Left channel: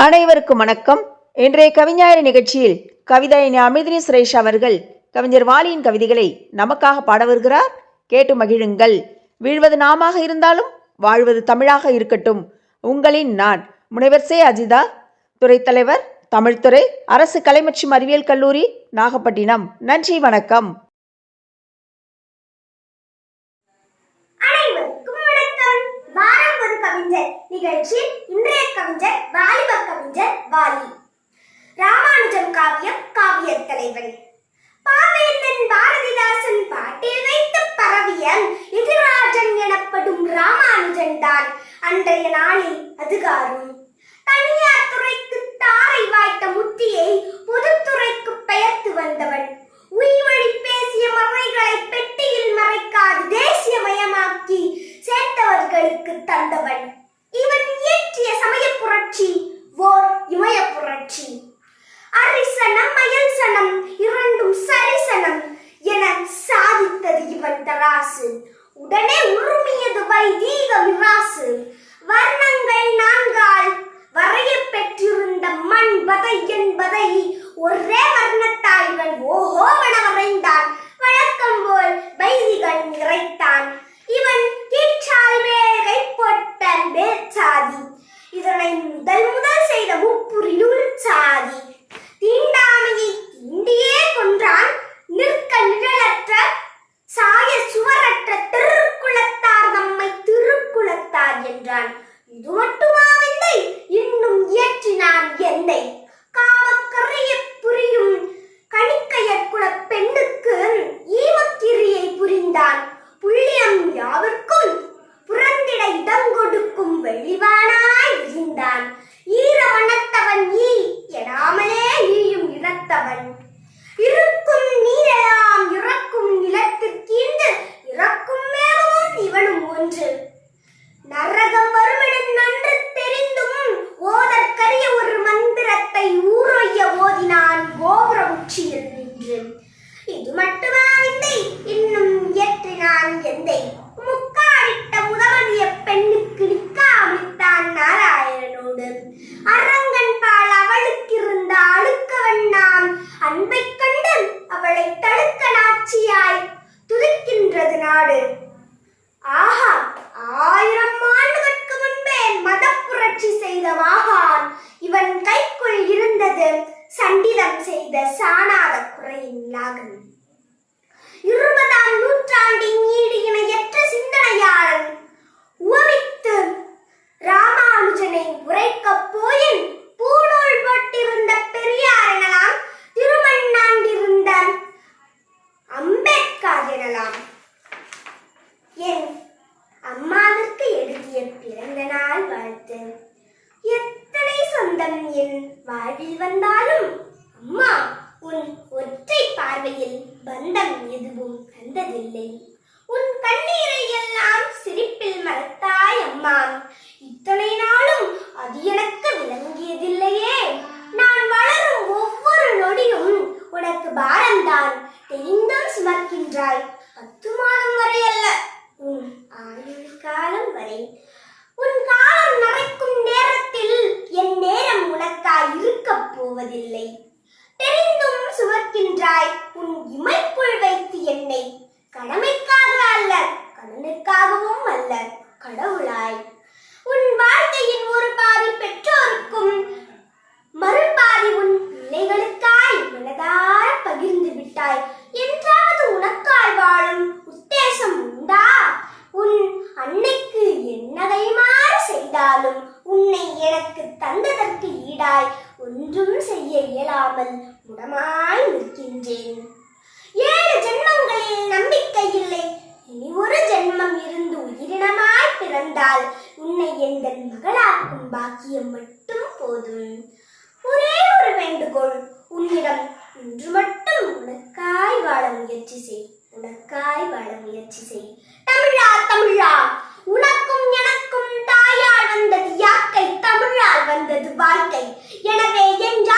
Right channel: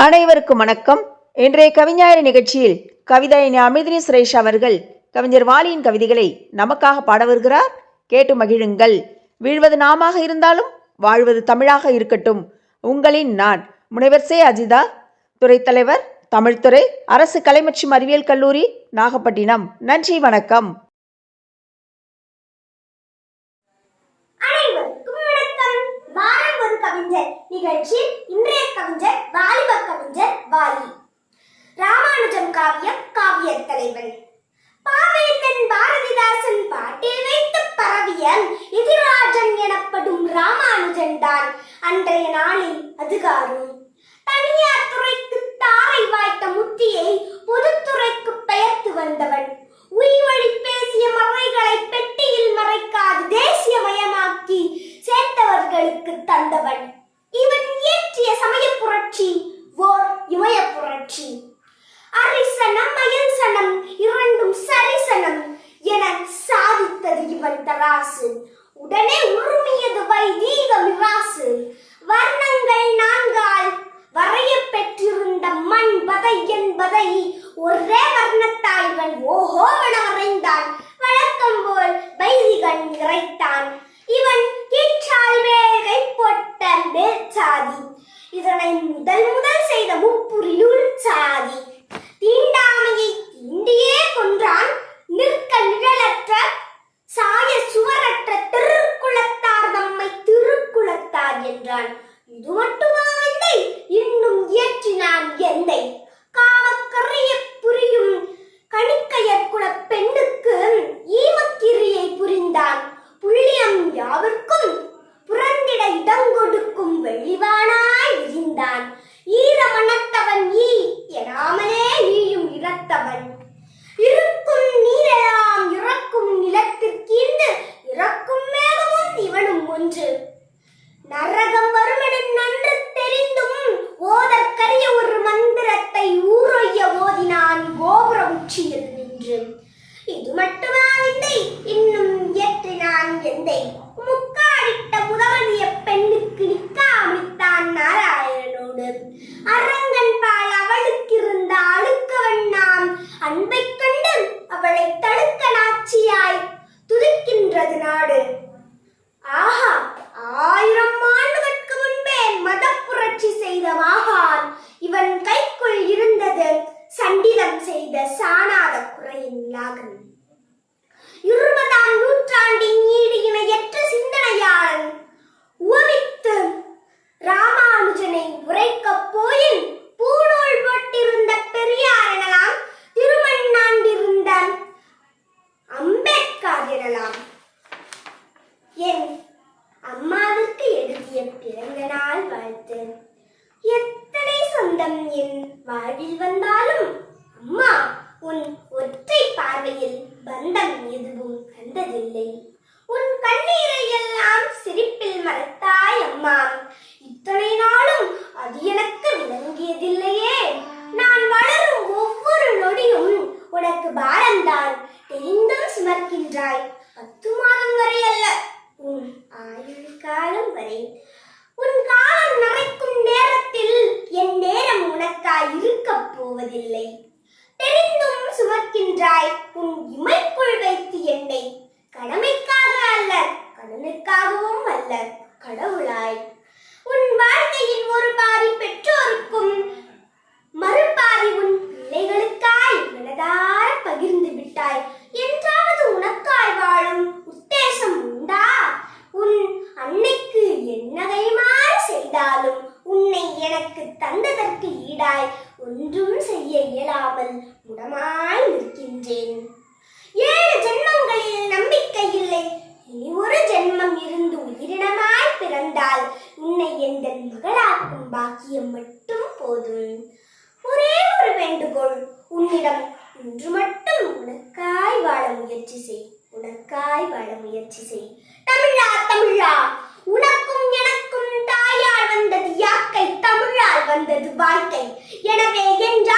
அனைவருக்கும் வணக்கம். இன்றைய கவிஞாயிறு நிகழ்ச்சியில் கவிதையின் அமிர்தினி சுரேஷ் அவர்கள் கவிஞர் வாலியின் கவிதைகளை நமக்காக பாட வருகிறார். கேட்டு மகிழுங்கள். வீழ்வது நாமாக இருந்தாலும் வாழ்வது தமிழாக இருக்கட்டும். உங்களின் நான் முனைவர் சே. அஜிதா. துறைத்தலைவர் தமிழ்துறை அரசு கலை மற்றும் அறிவியல் கல்லூரி நாகப்பட்டினம். நன்றி வணக்கம் அனைவருக்கும் வணக்கம் வாரம் ஒரு நிகழ்ச்சி இன்றைய கவிஞர் வாலிப கவிஞர் வாலி. ராமானுஜம் காவியம் காவிய தலைவன். பாவேந்தன் பாரதிதாசன் பாட்டில் வைத்து பரவிய எதிராஜன் எனப்படும் ராமானுஜன் தான் அன்றைய நாளில் அதுகாரும். தனியார் துறைக்கு தாரை வாய்த்த முத்தியை பொதுத்துறைக்கு பெயர்த்து வந்தவன். உயிர் பேசிய மறைகளை தராசு உடனே உருமியது வைதீக விராசு. வர்ணங்கள் நான்கால். வரைய பெற்றிருந்த மண் பதை என்பதை ஒரே வர்ணத்தால் இவன் ஓஹோவென வரைந்தான். வழக்கம் போல் வைதிகன் இறைத்தான். இவன் கீழ்ச்சால் வேகை போட்ட மேற்சாதி. இதனை முதல் முதல் செய்த முப்புரியுள் சாதி. இது மட்டுமா விந்தை இன்னும் இயற்றினான் எந்தை முக்காடிட்ட முதமதிய பெண்ணுக்கு நிக்காமித்தான் நாராயணனோடு. அரங்கன் பாய் சுமக்கின்றாய் பத்து மாதம் வரை அல்ல. உன் ஆயுள் காலம் வரை. உன் காலம் நரைக்கும் நேரத்தில் என் நேரம் உனக்காய் இருக்க போவதில்லை. தெரிந்தும் சுமக்கின்றாய். உன் இமைக்குள் வைத்து என்னை கடமைக்காக அல்ல கடனுக்காகவும் அல்ல கடவுளாய். உன் வாழ்க்கையின் ஒரு பாதி தமிழால் வந்தது வாழ்க்கை. எனவே என்றான்றும்